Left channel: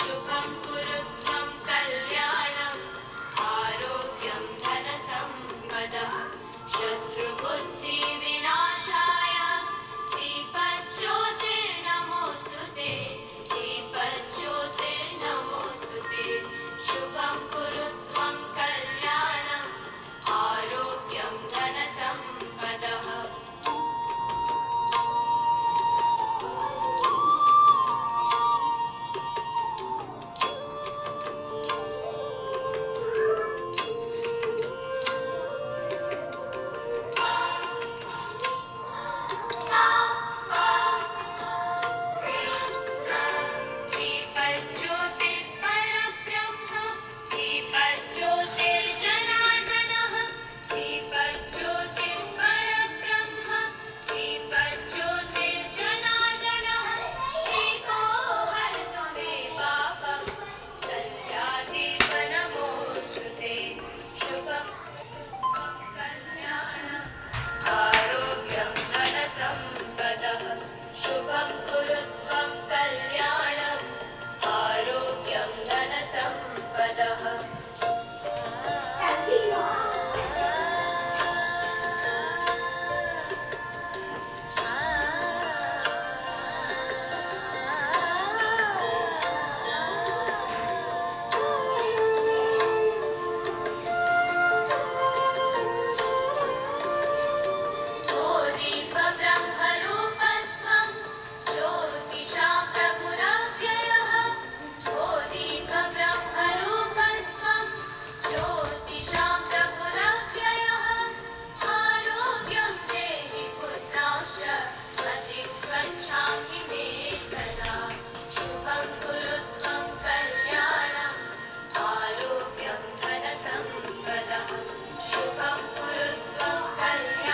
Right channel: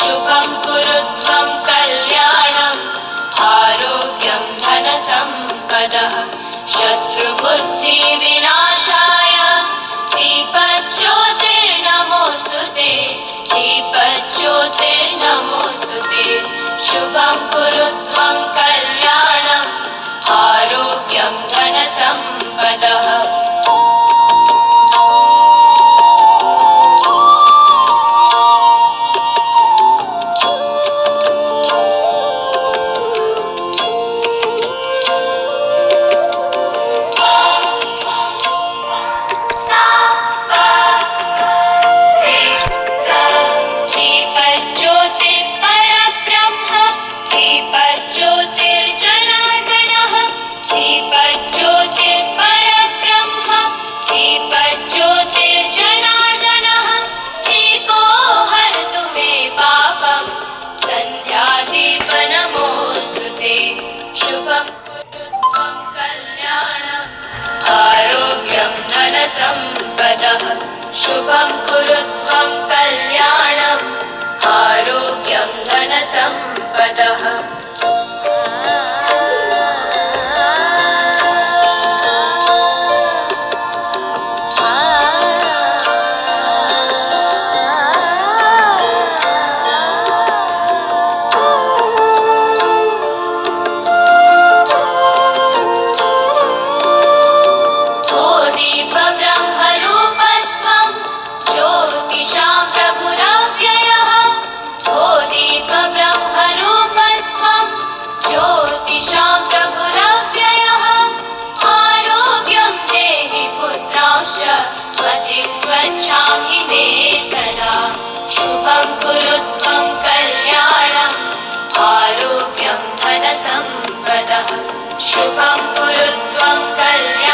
शुभं कुरु त्वं कल्याणम् आरोग्यं धनसम्पदः शत्रुबुद्धिविनाशाय दीपज्योतिर्नमोऽस्तु ते दीपज्योतिर्नमोऽस्तु ते शुभं कुरु त्वं कल्याणम् आरोग्यं धनसम्पदः शुभं कुरु त्वं कल्याणम् आरोग्यं धनसम्पदः शुभं कुरु त्वं कल्याणम् आरोग्यं धनसम्पदः शुभं कुरु त्वं कल्याणम्